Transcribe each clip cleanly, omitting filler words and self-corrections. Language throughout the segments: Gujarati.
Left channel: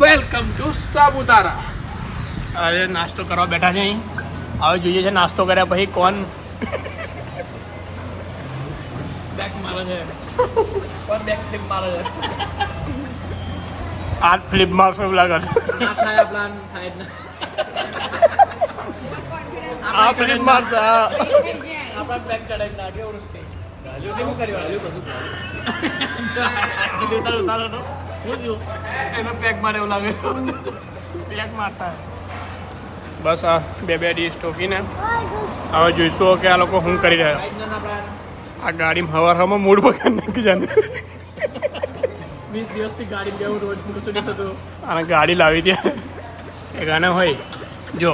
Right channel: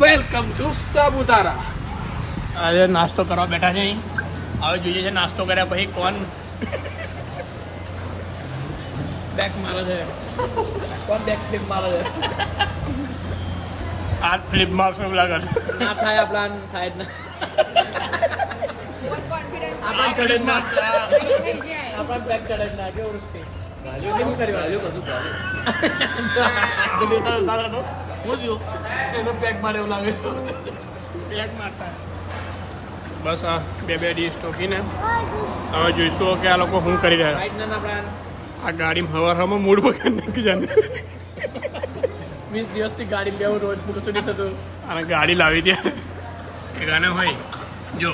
Welcome to Saputara. આજે નાસ્તો કરવા બેઠા છે અહીં. હવે જોઈએ છે નાસ્તો કર્યા પછી કોણ બેક મારે છે, કોણ બેક ફ્લિપ મારે છે. આ ફ્લિપ મારશે એવું લાગે ના થાય પ્લાન થાય જ ના. આ ફ્લિપ મારશે આપણા બેક ચડાવી નાખે ઉડસ્તે ગાલીઓ કેમ કરી ગાલીઓ કશું ગાલીઓ એનો પેક મારે એવું લાગે પેક મારતા. બસ આ બે ડીશ ટોકીને હવે જોઈશું કે આ લોકો શું કરી રહ્યા. આ ગાડીમાં હવામાં મૂડ બગાડ નાખી જાય 20 દિવસથી ગાડી બેવું રોજ પૂરું નહીં થતું. અને ગાડી લાવી ત્યાં એ ગાને હોય જો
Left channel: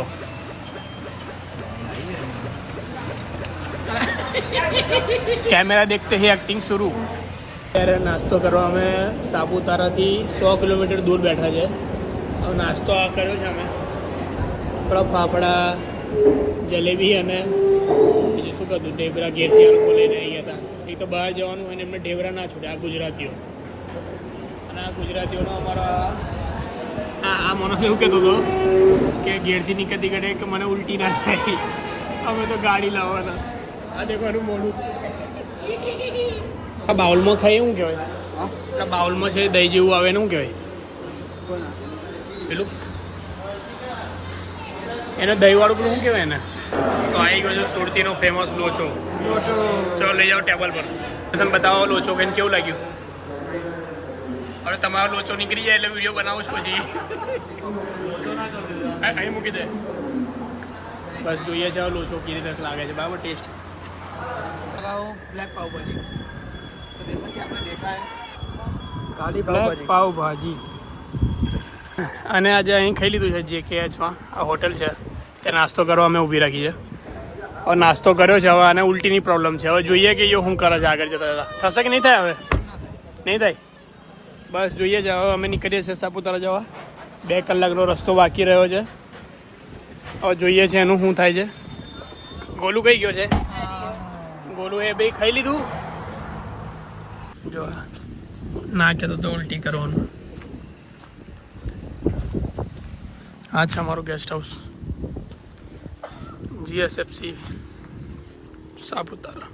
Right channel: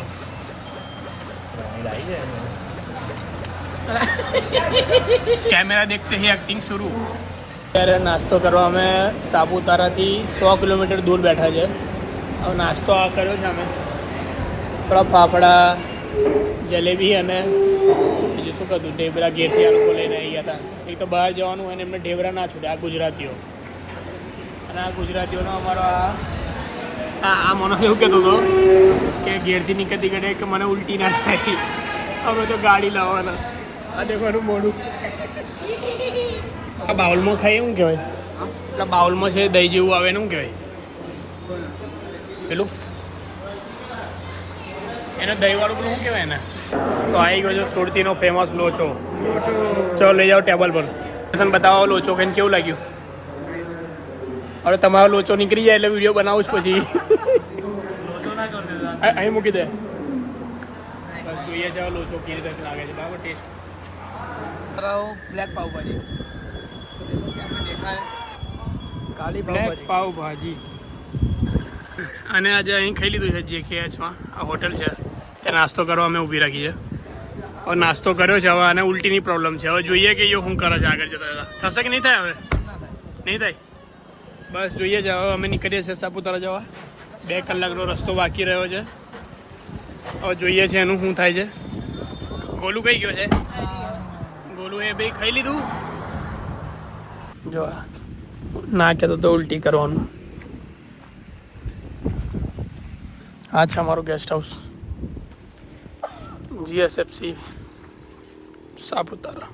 कैमरा देखते ही एक्टिंग शुरू. ત્યારે નાસ્તો કરવા અમે સાપુતારાથી 100 કિલોમીટર દૂર બેઠા છે. હવે નાસ્તો આ કર્યો છે અમે થોડા ફાફડા જલેબી અને બીજું શું કહ્યું ઢેબરા ઘેરથી આ લોકો લઈને આવી ગયા હતા. એક તો બહાર જવાનું હોય ને એમને ઢેબરા ના છૂટે આ ગુજરાતીઓ. અને આ ગુજરાતીઓનો અમારો આ માણસ એવું કહેતો હતો કે ઘેરથી નીકળતી ઘડે કે મને ઉલટી ના થાય અમે તો ગાડી લાવવાના. આ દેખવાનું મોડું આ બાઉલમાં ખાઈએ શું કહેવાય? એટલે બાઉલમાં છે દહીં જેવું આવે ને શું કહેવાય પેલું એને દહીંવાળું પેલું શું કહેવાય ને? તો આવી ગયો છે સુરતીનો ફેમસ લોચો. ચાલો લઈ જાઓ ટેબલ પર. બતાવો લોચો કહીને કેવું લાગ્યું? હવે તમારો લોચો નીકળી જાય એટલે વિડીયો બનાવું જ પછી અહીં મૂકી દે. બસ જોઈએ છે લોચો કેવી રીતે લાગે છે. બરાબર ટેસ્ટ બ્લેક પાવ ભાજી તો જैसा कि आपने देखा है काली બ્લેક પાવ ભાજી. અને આજે અહીં ખાઈ લીધું છે JKHમાં. આ હોટલ છે ત્યાં નાસ્તો કરવા અમે ઊભી રાખી છે. હવે નાસ્તો કર્યો છે. હવે આને ઉલટીની પ્રોબ્લેમ છે. હવે જોઈએ કે યો શું કરે છે આગળ જતા થશે કે નહીં થાય? હવે નહીં થાય. બસ જોઈએ છે. હવે અમે નીકળીએ છીએ સાપુતારા જવા. 2 કલાકનો રસ્તો બાકી રહ્યો છે. હવે જોઈએ છે એનું શું થાય છે. ગોલું કઈ ગયો છે? ગોલું એ ભાઈ ખાઈ લીધું. જો ના કહેતો તો ઉલટી કરવાનું. આ છે અમારું ગેસ્ટ હાઉસ GSFC સાપુતારા.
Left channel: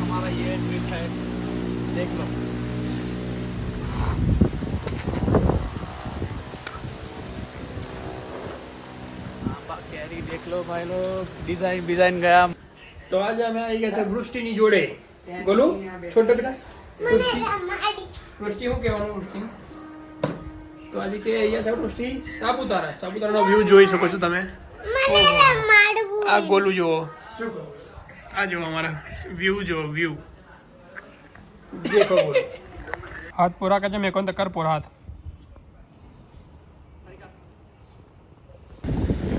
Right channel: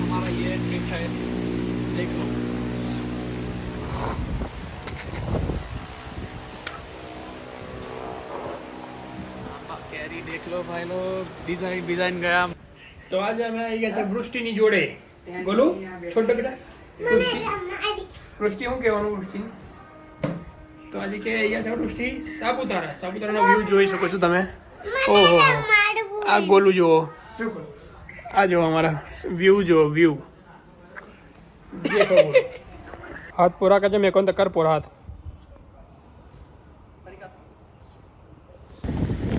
हमारा ये ट्रिप है देख लो. कैरी देख लो भाई लोग. डिजाइन गया. तो आज અમે આવી ગયા છે વૃષ્ટિની જોડે. બોલો છોટો બેટા વૃષ્ટિ શું કહેવાનું વૃષ્ટિ? તો આજે કે અહીંયા છે વૃષ્ટિ સાપુતારાનો વ્યૂ જોઈ શકો છો તમે. ઓહો આ ગોલું જુઓ. આ જો અમારા વ્યૂ જો વ્યૂ देखो बोलो. हाथ पूरा कर मेरे को तो कर पूरा हाथ.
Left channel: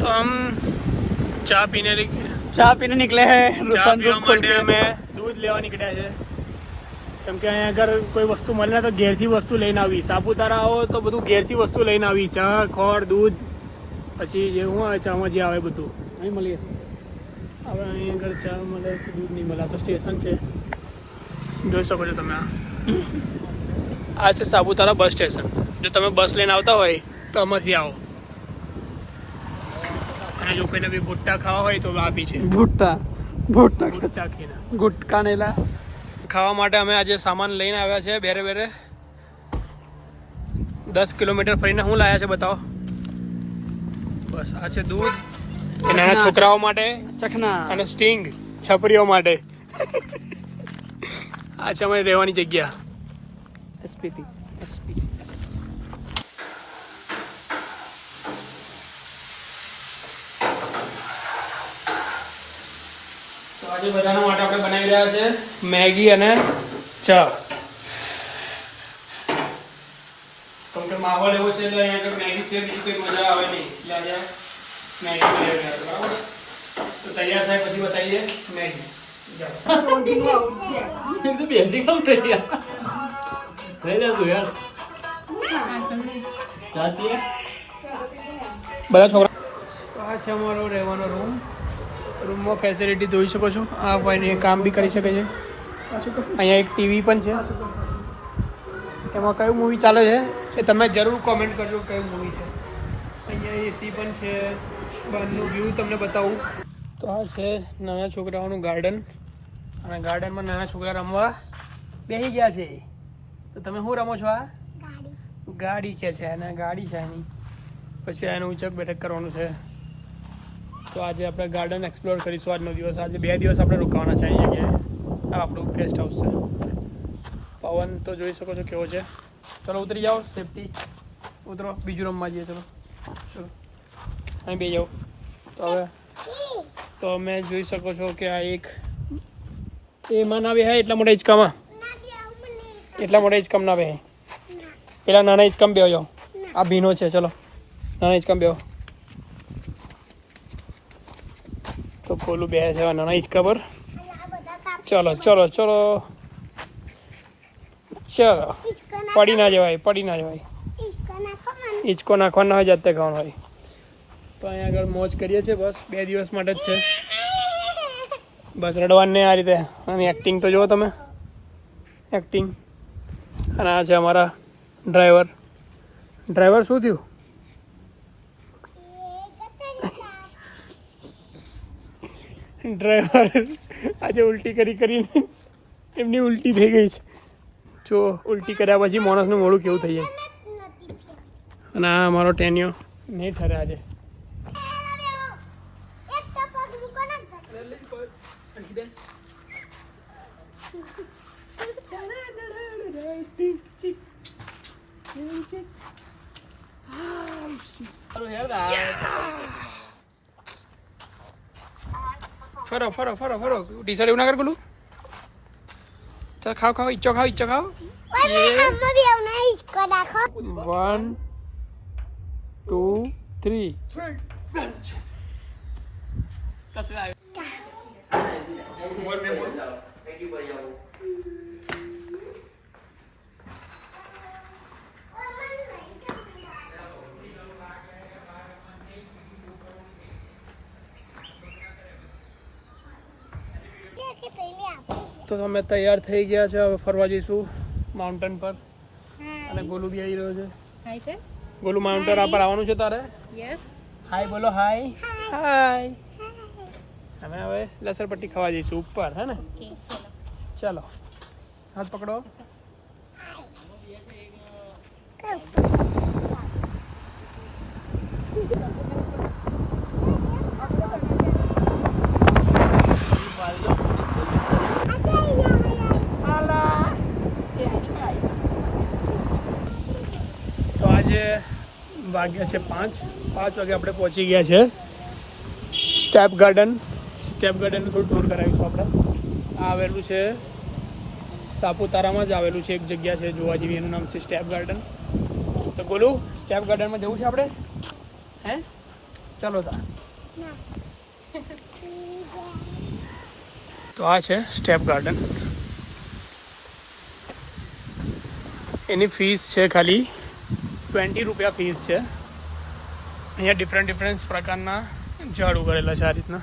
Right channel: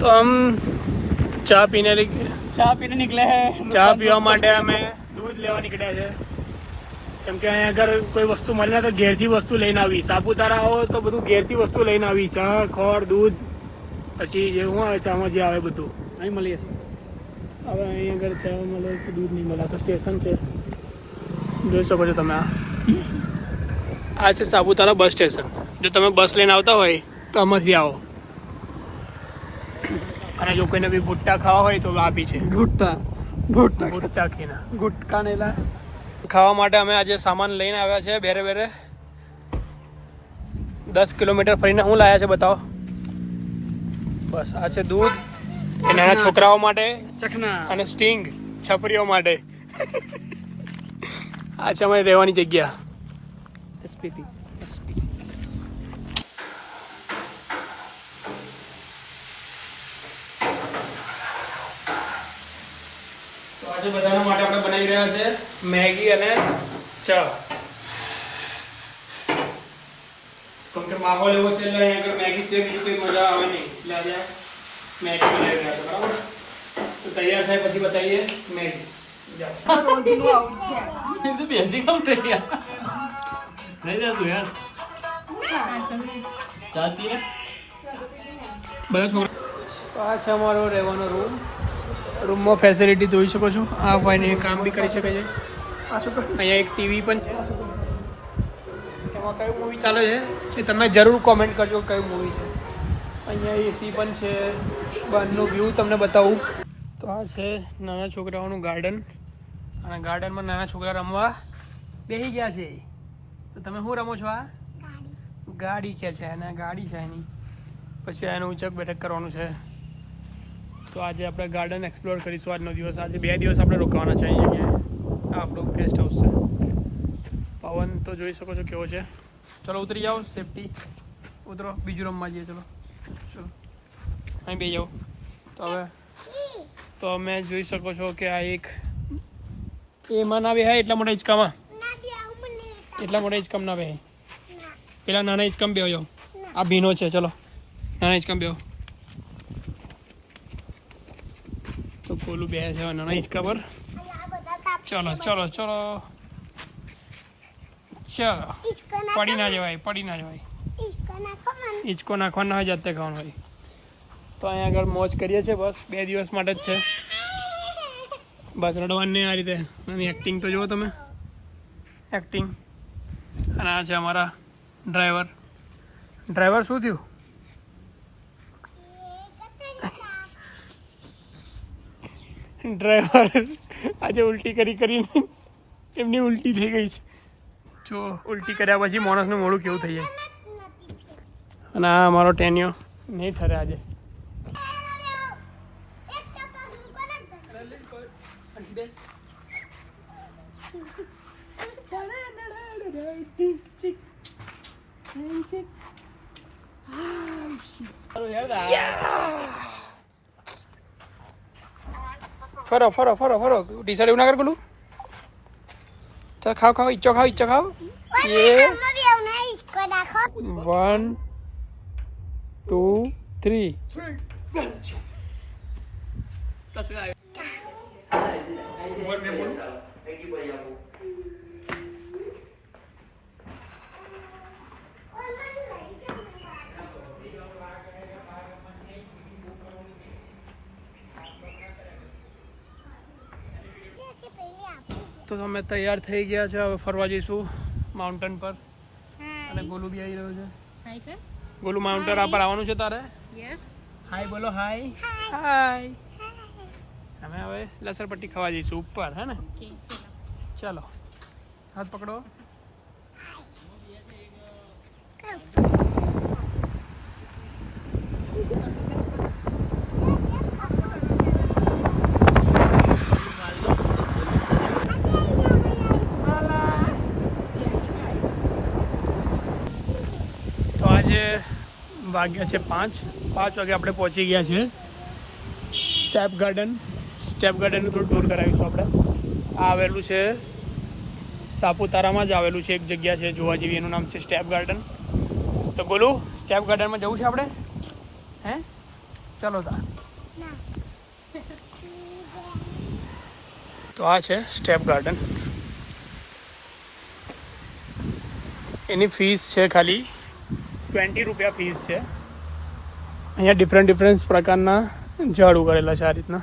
तो हम चाय पीने निकले हैं. ચા પીવા માટે અમે દૂધ લેવા નીકળ્યા છે. કેમ કે અહીંયા અગર કોઈ વસ્તુ મળે તો ઘેરથી વસ્તુ લઈને આવી. સાપુતારા આવો તો બધું ઘેરથી વસ્તુ લઈને આવી. ચા ખોળ દૂધ પછી જે શું આવે ચામાં જે આવે બધું અહીં મળી જશે. હવે અહીં આગળ ચા મળે દૂધ નહીં મળે તો સ્ટેશન છે જોઈ શકો છો તમે. આ છે સાપુતારા બસ સ્ટેશન. જો તમે બસ લઈને આવતા હોય તો આમાંથી આવો. અને જો કોઈને બી ભુટ્ટા ખાવા હોય તો આપી છે ભુટ્ટા ખીના ગુટકા નેલા ખાવા માટે અમે આજે સામાન લઈને આવ્યા છે. બેરે 10 કિલોમીટર ફરીને શું લાયા છે બતાવો. બસ આ છે દૂધ નાના છોકરાઓ માટે ચખના અને સ્ટિંગ છપરીઓ માટે. આ છે અમારી રહેવાની જગ્યા SPC. તો આજે બધાના માટે આપણે બનાવી રહ્યા છે મેગી અને ચા. કેમ કે માહોલ એવો છે એટલે અહીંયા મેગી સિવાય બીજી કોઈ મજા આવે નહીં. એટલે આજે મેગી બનાવી રહ્યા છે. બરાબર તો તૈયાર થાય પછી બતાવીએ મેગી. બધા છોકરા આ છે અમારો રહેવાનો રૂમમાં ફેસિલિટી જોઈ શકો છો. આ ભાઈને કામ બી કરી શકે છે. અહીંયા એક ટીવી પણ છે. એમાં કયું મૂવી ચાલે છે એ તમે જરૂર કોમેન્ટ કરજો કયું મૂવી છે. અહીંયા એસી પણ છે. બહારનું વ્યૂ તમને બતાવું તો આ છે નાના છોકરાઓનું ગાર્ડન. અને ગાર્ડનમાં નાના છોકરા રમવા બેસી ગયા છે. તો તમે શું રમો છો? આ ગાડી કે છે અને ગાડી છે એની. પછી એનું ઉચક બેઠક કરવાનું છે. તો આજે આપણે ગાર્ડન એક્સપ્લોર કરીશું આજનો દિવસ. આજે 2 દિવસ આપણે રોકાવાના છે અહીં જગ્યાએ. આ આપણું ગેસ્ટ હાઉસ છે. પવન તો જોઈ શકો છો કેવો છે. ચલો ઉતરી જાઓ, સેફટી ઉતરો. બીજું રમવા જઈએ. ચલો અહીં બે જાઓ. તો હવે તો અમે જોઈ શકો છો કે આ એક એમાં ના બેહાય એટલા મોટા હિંચકામાં. એટલા મોટા હિંચકામાં ના બેહાય. પેલા નાના હિંચકામાં બેહો જાઓ. આ ભીનો છે. ચલો નાના હિંચકામાં બેહો. તો કોલું બે છે નાના હિંચકા પર. ચલો ચલો ચલો ચલો. પડી ના જવાય, પડી ના જવાય. હિંચકો નાખવા ના હોય, જાતે ખાવાનું હોય. તો અહીંયા આગળ મોજ કરીએ છીએ. બસ 2 દિવસ માટે જ છે. બસ રડવાનું નહીં આ રીતે. અને એક્ટિંગ તો જુઓ તમે, એક્ટિંગ. અને આ છે અમારા ડ્રાઈવર. ડ્રાઈવર શું થયું? ડ્રાઈવર આજે ઉલટી કરીને એમની ઉલટી થઈ ગઈ છે. જો ઉલટી કર્યા પછી માણસનું મોઢું કેવું થઈ જાય. અને આ અમારો ટેનિયો નહીં ઠરે આજે. ફરો ફરો ફરો ફરો. ટી શર્ટ એવું ના કર પેલું. ચાલ ખાઓ ખાઓ. ઈચ્છો ખાઓ, ઈચ્છો ખાઓ. 1 2 3. તો અમે તૈયાર થઈ ગયા છે. હવે ફરવા જઈશું માઉન્ટેન પર. અને ગોલુ બી આવી રહ્યો છે. ગોલુ માઉન્ટેન પર આવવાનું છે તારે? યસ. હાય બોલો. હાય હાય. અમે હવે લસણપટ્ટી ખાવા જઈશું ઉપર. હે ને? ચલો હાથ પકડો. વાગ્યા છે 5 વાગે આપણે પહોંચી ગયા છે સ્ટેપ ગાર્ડન. સ્ટેપ ગાર્ડનનું થોડું ટૂર કરાવીશું આપણે. આ આવેલું છે સાપુતારામાં જ આવેલું છે. એક જગ્યા છે જોવા જેવી, એનું નામ છે સ્ટેપ ગાર્ડન. તો બોલું સ્ટેપ ગાર્ડનમાં જવું છે આપણે? હે ચલો તા. તો આ છે સ્ટેપ ગાર્ડન. એની ફીસ છે ખાલી 20 રૂપિયા ફીસ છે. અહીંયા ડિફરન્ટ પ્રકારના ઝાડ ઉગાડેલા છે આ રીતના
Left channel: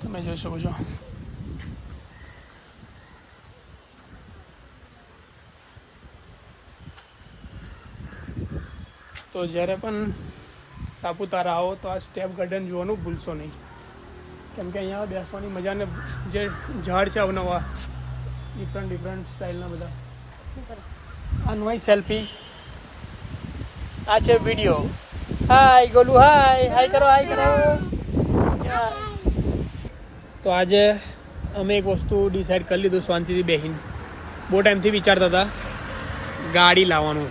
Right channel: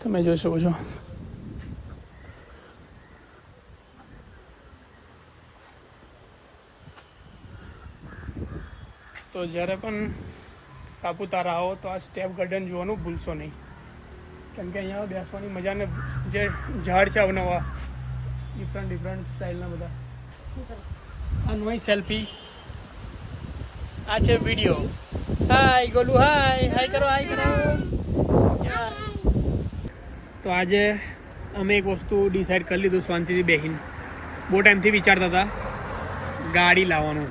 તમે જોઈ શકો છો. તો જ્યારે પણ સાપુતારા આવો તો આ સ્ટેપ ગાર્ડન જોવાનું ભૂલશો નહીં. કેમ કે અહીંયા બેસવાની મજાને જે ઝાડ છે અવનવા ડિફરન્ટ સ્ટાઇલના બધા. આ નોઈ સેલ્ફી. આ છે વિડીયો. હાય ગોલુ. હાય હાય કરો. હાય કરો. તો આજે અમે એક વસ્તુ ડિસાઈડ કરી લીધું શાંતિથી બેસીને. બહુ ટાઈમથી વિચારતા હતા ગાડી લાવવાનું.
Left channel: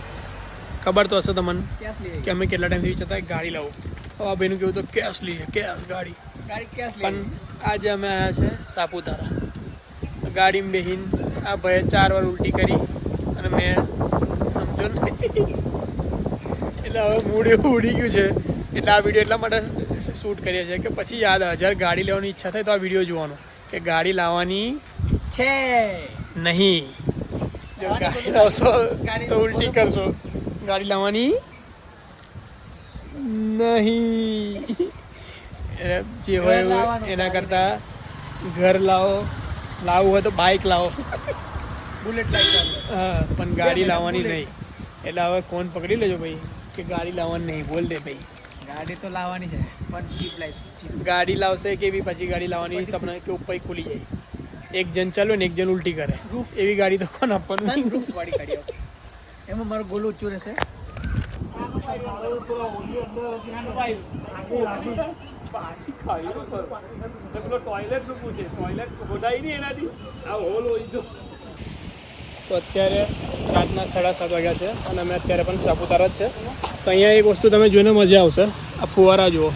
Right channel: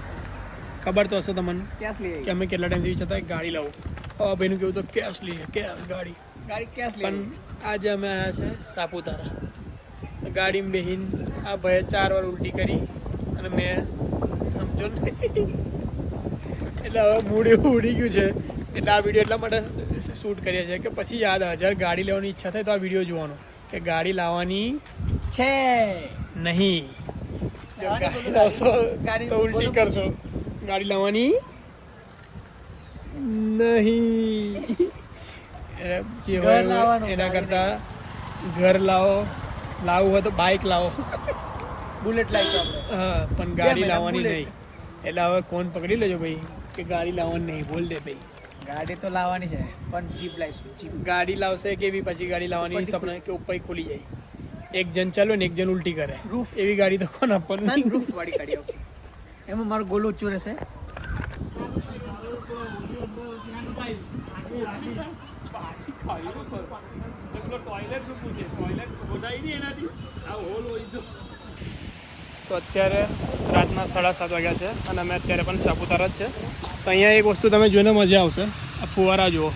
ખબર તો હશે તમને કે અમે કેટલા ટાઈમથી વિચારતા ગાડી લાવો. હવે ભાઈનું કેવું તો કેશ લઈએ. કેશ ગાડી કેશ લઈએ. પણ આજે અમે આવ્યા છે સાપુતારા. ગાડીમાં બેસીને આ ભાઈએ 4 વાર ઉલટી કરી અને મેં સમજો ને એટલે હવે મૂડ એવું ઉડી ગયું છે. એટલે આ વિડીયો એટલા માટે શૂટ કરીએ છીએ કે પછી યાદ આવે જ્યારે ગાડી લેવાની ઈચ્છા થાય તો આ વિડીયો જોવાનો કે ગાડી લાવવાની છે નહીં. તો ઉલટી કરશો. ગાડી લાવવાની નહીં જે ઘર હોય લાવવાનું, એના ગાડી કરતા ઘર લાવો, લાવવું હોય તો બાઇક લાવો. બુલેટ લાવીશું આપણે. હા, પણ ગાડી બે લાવવાની બુલેટ. નહીં. એટલે હવે કોણ પકડી લેજો ભાઈ કે ગાડી લાવવાની નહીં, બોલ દે ભાઈ. ગાડી તો લાવવાની છે પણ જીપ લાવીશું, જીપ. ગાડી લાવશે કેવી પછી ગાડી લાવવાની સપના કે ઉપર ખુલી જાય, એક જણ ચાલો ને એક જણ ઉલટી કરે, Roof. એવી ગાડી તો કોણ આપવાનું? સનરૂફ વાળી ગાડી આવશે. એમાં મારું ગોલું ઊંચું રહેશે. તો અત્યારે રાતના 7:30 વાગ્યા છે અને અમે અત્યારે પણ સાપુતારા જ છે. તો અહીંયા એક વસ્તુ તમે જોઈને મજા આવશે, આ ફુવારા જુઓ.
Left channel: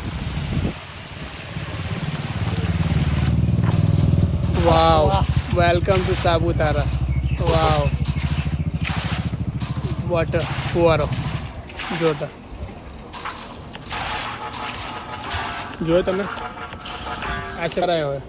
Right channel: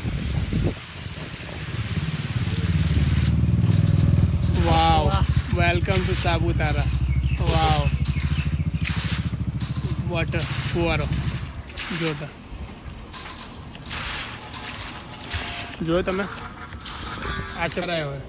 Wow, welcome to Saputara. Wow, water ફુવારો જોતા જોયો તમે? આ ચરાયો હવે.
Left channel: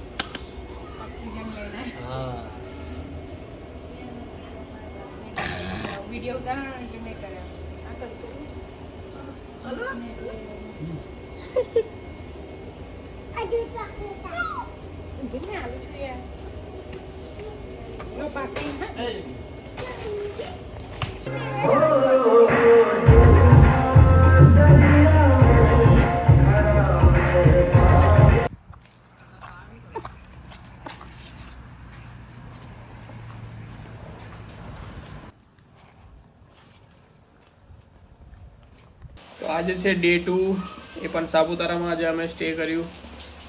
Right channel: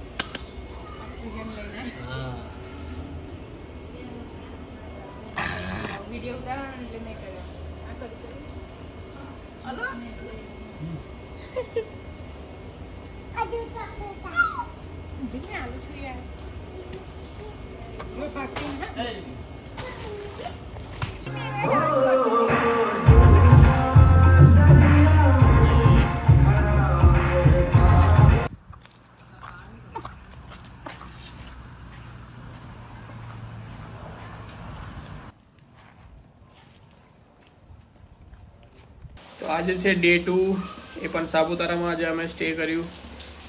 તો આજે છે ડે 2, એ પણ સાપુતારામાં આજે અમે સ્ટે કર્યું.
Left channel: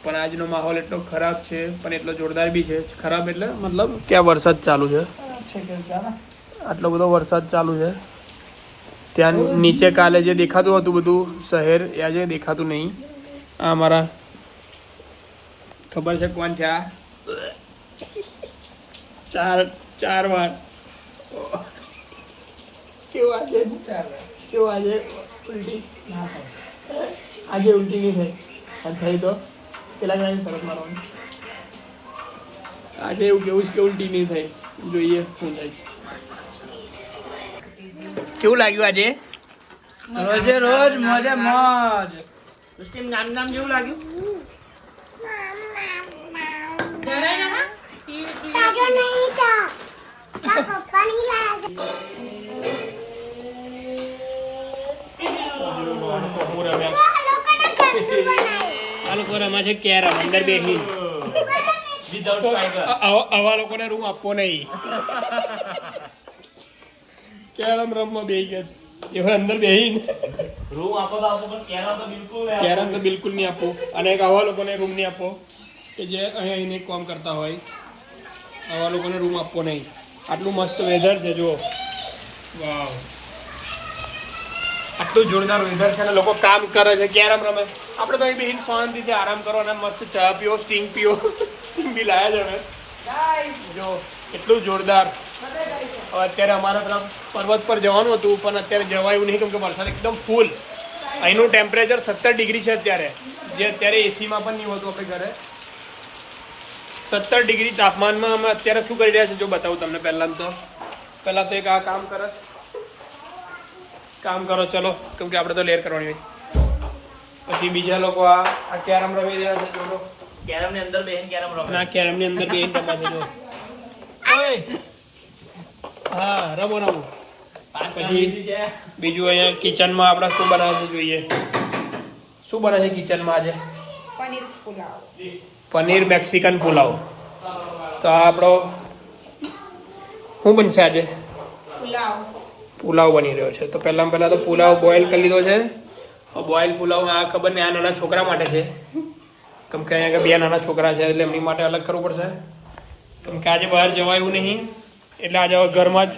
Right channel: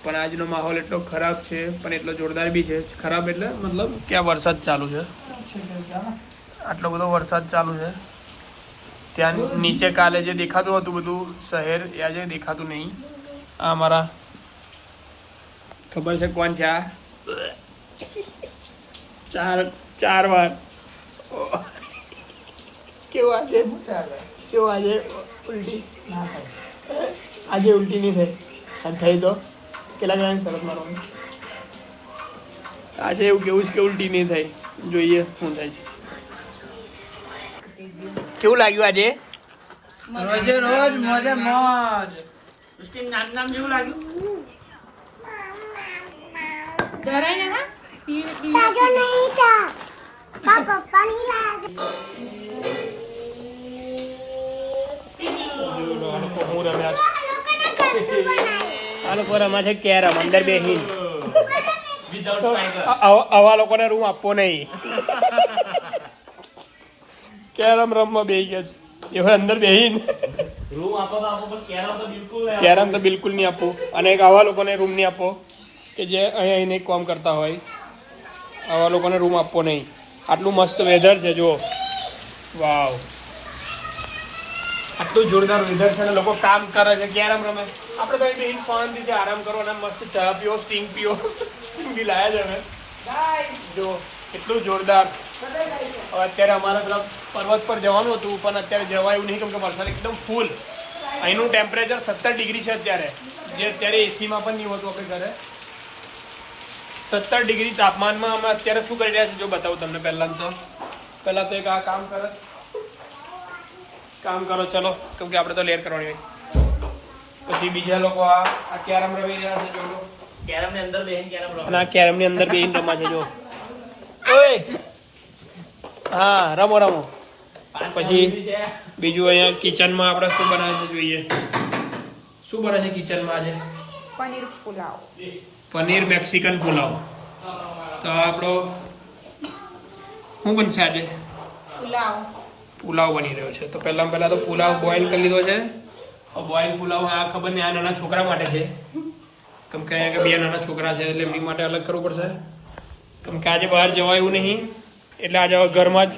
પણ આજનો માહોલ એટલો ખરાબ છે, પણ એટલો જોરદાર બી છે. ખરાબ એટલે મતલબ કે આ વરસાદ ચાલુ છે, આટલો બધો વરસાદ ચાલુ છે. ત્યાં નીચે કાલે જે દેખાતું હતું બધું શહેર, એ આજે દેખાતું નહીં. આ અમારા ખબર છે કોણ છે આ? ચાર વાર કેવું આજે ઉલટી આજે ઉલટી નહીં થઈ, અને થઈ તો કેટલા જણાની શરત મારવાની. આજે એવું કેવું છે કે ઉલટી નહીં થાય, જોઈએ શું થાય છે. કેવું લાગ્યું આજે? રોજે રોજ મોજે મોજ. નામ જેવું લાગ્યું? આ લોકો રમા છે કેરમ અંદર બેસી. આવા લોકોને રૂમ આપવો નહીં. કેરમ રમવા બેસી ગયા છે એ હવે અંદર બેસીને રૂમ આપો તો આપો, પણ કેરમ તો બિલકુલ નહીં આપવું. અને એક આવા લોકોને રૂમ નહીં આપવો કે જે અહીંયા એને કામ કરતા હોય. આવા લોકોને રૂમ આપવો નહીં. આટલું મસ્ત વેધર છે જુઓ. વાવ, એટલું જોરદાર વેધર છે ને લોકો કામ કરે છે, કેરમ રમે. આપણે તો અહીં બેસીને શાંતિથી આરામ કરો અને મસ્ત ચા પીઓ, સ્ટિંગ પીઓ. સ્ટિંગ બી લાયા જ હવે જો, એટલું જોરદાર. હવે અત્યારે અમારા તરફ પર્વત પર જવાનું હતું, પણ અત્યારે જવાયું નહીં કેમ કે વરસાદ એકદમ ફૂલ. અહીંનું ટેમ્પરેચર 17 ડિગ્રી છે અત્યારે, જે અત્યારે એસીમાં પણ નહીં હોતું આપણે ઘરે. 17 ડિગ્રી તાપમાનમાં અમે અત્યારે શું કરી રહ્યા છે જો બતાવું તમને. પહેલાં તો એક આ કામ કરો ચલો, કેમ કે આપણે તો લેર કરવાની હોય. પછી બીજા લોકો આ કેરમ રમી રહ્યા છે જો. કેરમ ની અંદર બેહીને કેરમ રમે. અને આ કેરમની અંદર બેહીને રમા છે જો. ઓય હા, રમો. પછી બીજું અહીંયા કિચનમાં આપણે શું બનાવે છે જોઈએ. શું બને છે કિચનમાં આજે? પનીર મેક્સિકન પુલાવ. તો આ આપણો શું બનશે આજે? પુલાવ બની રહ્યો છે. તો પહેલાં તો પુલાવ બોઇલ કરી લીધો છે. બોઇલ પુલાવ આ ખબર નહીં, આ નાના છોકરા માટે છે. કેમ કે અહીંયા 2 નાના છોકરા છે એટલે એમની માટે અલગ કરવું પડશે. કેમ કે આજે બહાર જવાય એવું નહીં, એટલે આજે હવે ઘરમાં જ.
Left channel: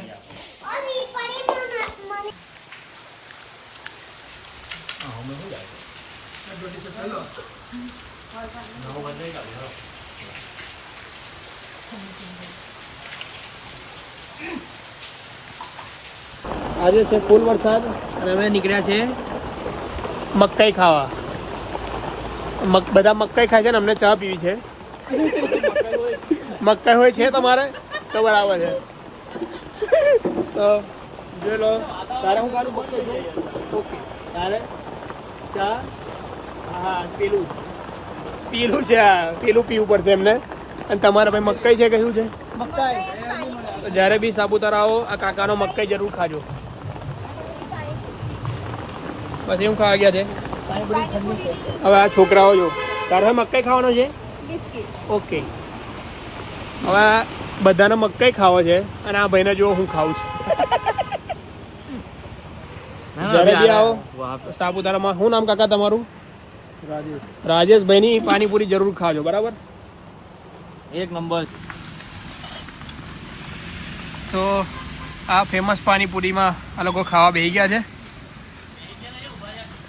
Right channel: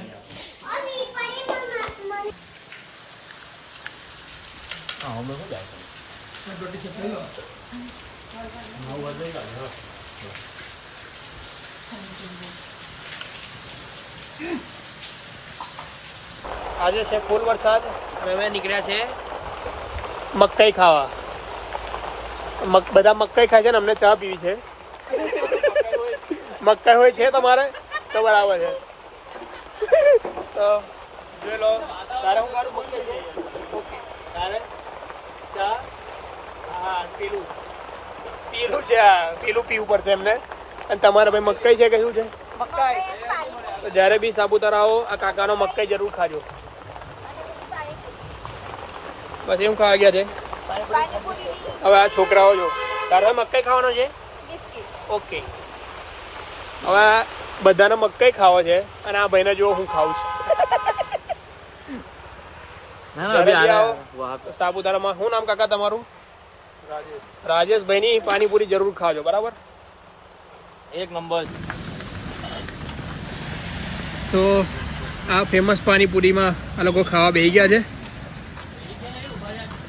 આજે છે ફૂલ વરસાદ અને અમે નીકળ્યા છે મકાઈ ખાવા. બધા મકાઈ ખાય છે ને અમને ચા પીવી છે. મકાઈ હોય છે તમારે તો બરાબર છે. તો જોઈ લો. તારે હું કાઢું મકાઈ છે? ઓકે. તારે ચા હા પેલું છે આ પેલું પીવું પડશે એમને. અને તમારા ભાઈ મકાઈ છે કે શું છે? મકાઈ. જ્યારે બી સાપુતારા આવો આ કાકાનો મકાઈ જરૂર ખાજો. બસ એમ ખાવા ગયા છે. હવે આ છોકરાઓ જો તારો હવે મકાઈ ખાવાનો છે? ઓકે. હવે બધાને મકાઈ ખાવો છે અને આ ભાઈને જો હું ખાઉં છું. જ્યારે બી આવો સાપુતારામાં. શું નામ કાકા તમારું? રાજેશભાઈની પાણીપુરી જરૂર ખાજો, બરાબર? એક નંબર. તો આ ફેમસ પાણીપુરીમાં આ લોકો ખાવા બેસી ગયા છે.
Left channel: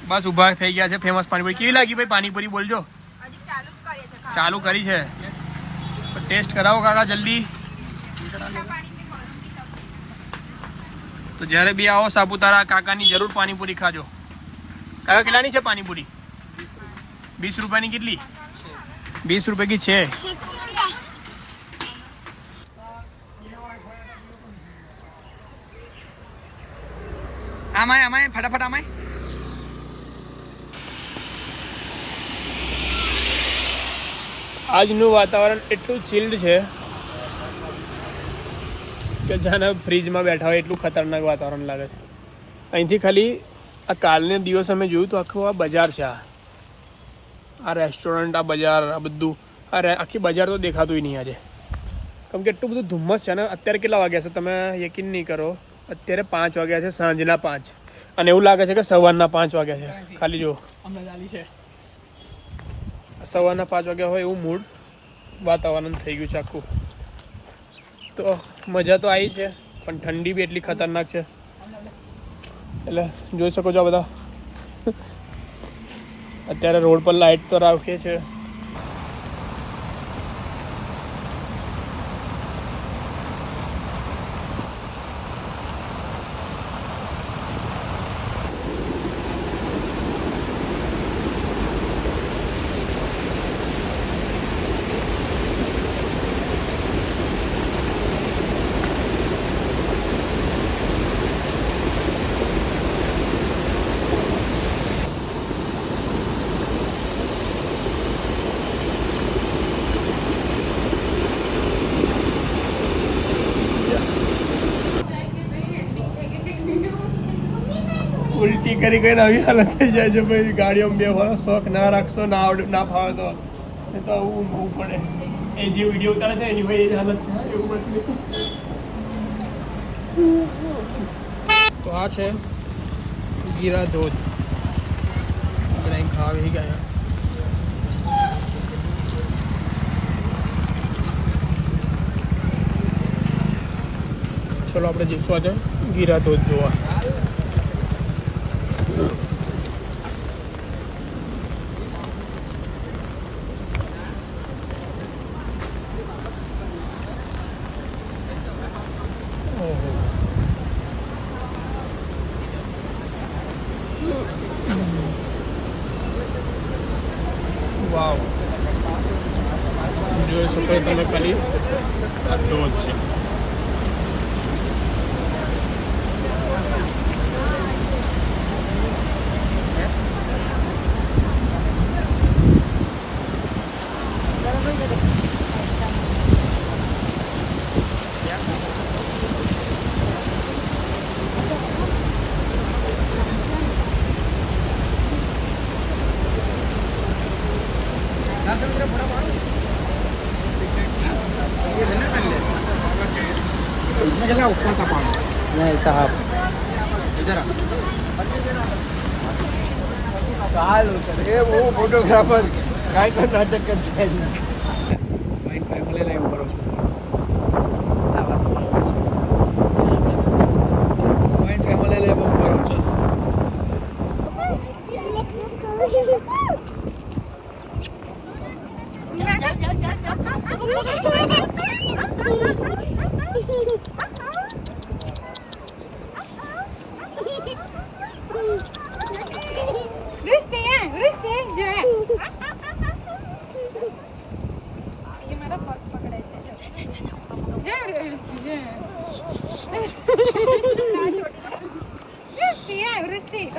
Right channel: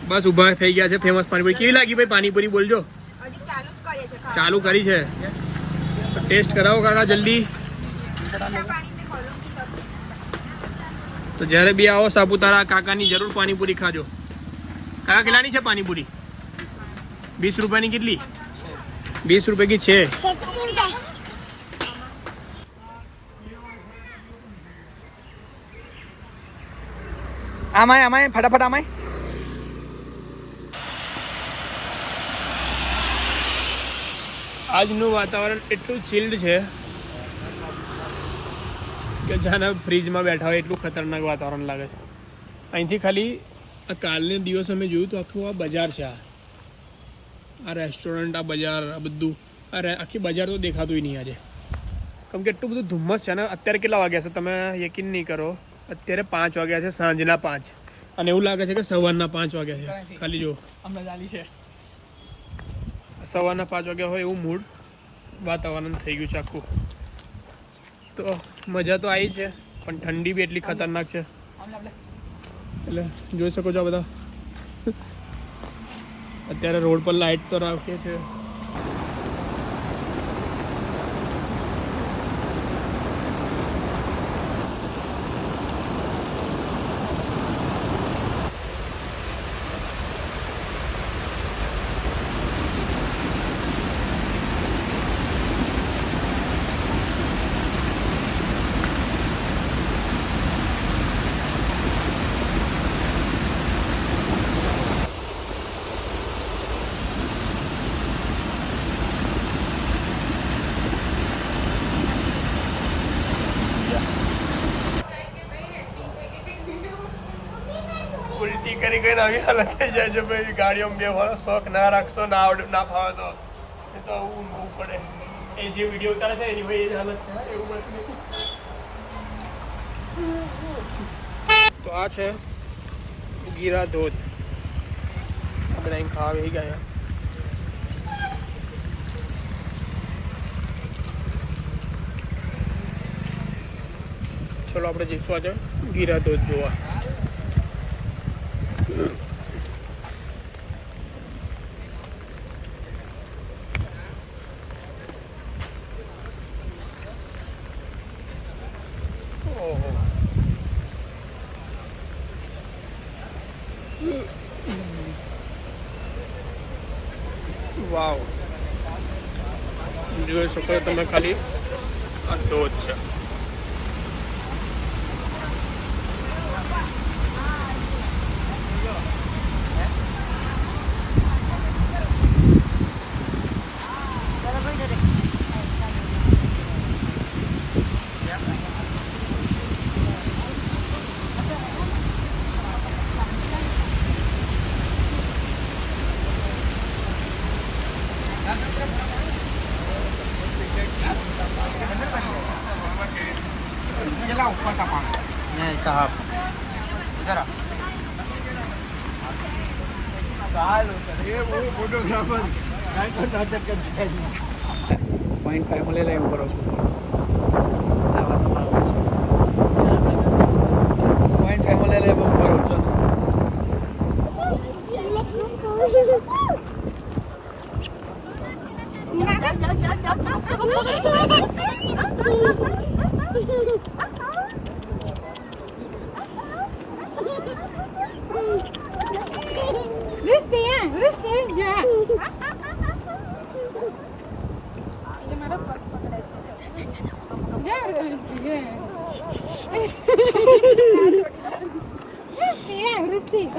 બસ ઊભા થઈ ગયા છે. ફેમસ પાણીપુરી કેવી લાગી ભાઈ? પાણીપુરી બોલજો. ચાલુ કરી છે. ટેસ્ટ કરાવો કાકા જલ્દી. તો જ્યારે બી આવો સાપુતારા કાકાની જરૂર પાણીપુરી ખાજો. કાકા કેટલાની છે પાણીપુરી? 20 રૂપિયાની. કેટલી? 20 રૂપિયા की છે. આમાય ફટાફટ આમાય. આજનું વાતાવરણ એટલું ચિલ્ડ છે કે જાણે ફ્રીજમાં બેઠા હોય એટલું ખતરનાક વાતાવરણ લાગે છે. અહીંથી ખાલી આ કાલને દિવસ અમે જોયું તો આખું આ બજાર છે. આ રેસ્ટોરન્ટ, આ બજાર, આ બધું આખી બજાર તો દેખાતું નહીં આજે. કેમ કે એટલું બધું ધુમ્મસ છે ને. અત્યારે કેટલા વાગ્યા છે તમે યકીન નહીં કરો. અત્યારે 5 વાગ્યા છે, સાંજના 5. અને એવું લાગે છે કે સવારના 5 વાગ્યા છે. ખાલી જો સવારના 5 વાગ્યા હોય એવું મૂડ વાતાવરણ થઈ ગયું છે આખું. તો મજા તો આવી છે પણ ઠંડી બી એટલી ખતરનાક છે. એટલે જોઈ શકો છો આ બધા અત્યારે રોડ પર લાઇટ તો રાખીએ છે. ઉલટી કરી કરીને આવી હાલત થઈ જાય છે ભાઈ. ગાડીઓમાં બેસવાનો શોખ ના રાખશો, ના આવડે ના ફાવે તો એ તો આવું ઊંઘવું પડે. એ જે વિડીયો ઉતારે છે એની ભાઈ એ જ હાલત છે. એવું બધું. તો આ છે ગીરા ધોધ. આપણે અહીં ખાવા બેસી ગયા. ચલો આપણે જઈશું આજે ગીરા ધોધ જોવા. વાવ, જોઈ શકો તમે ખાલી આ ધોધ છે. चला ऊपर का पानी नहीं कहा इधर वो फोटोग्राफर काय को नाटक करता है. 0.5 મળે લાઈવ કરો છો. 0.5 મળે લાઈવ કરો છો. Rustig, ja.